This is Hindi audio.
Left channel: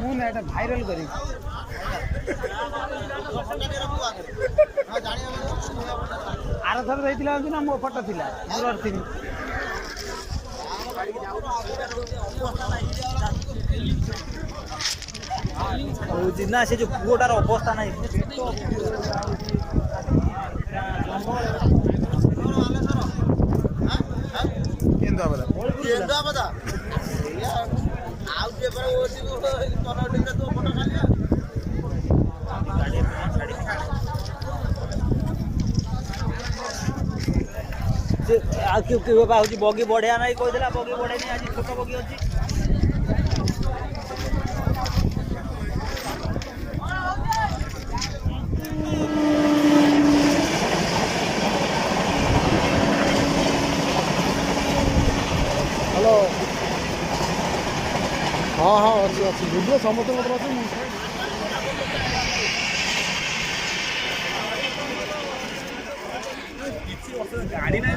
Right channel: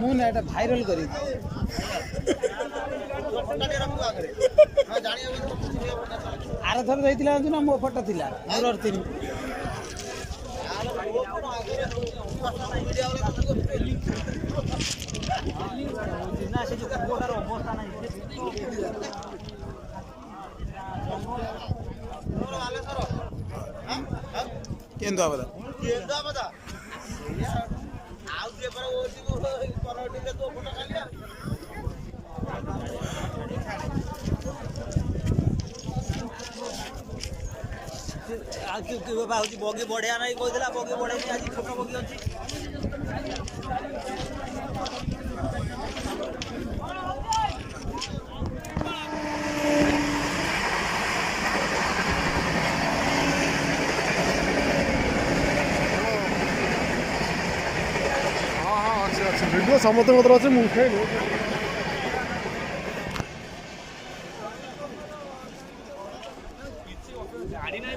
मुझे एटा भाइराल करी आर थर रही ना मो फोटो थी मोर थी जिना से जो पुओटार अवस्था ना बगी बढ़िया ना कहला बगी बढ़े आज छोट बगी अच्छी हाँ हाँ अच्छी अच्छी भिडियो समस्त अच्छे मुझे गाड़ी नहीं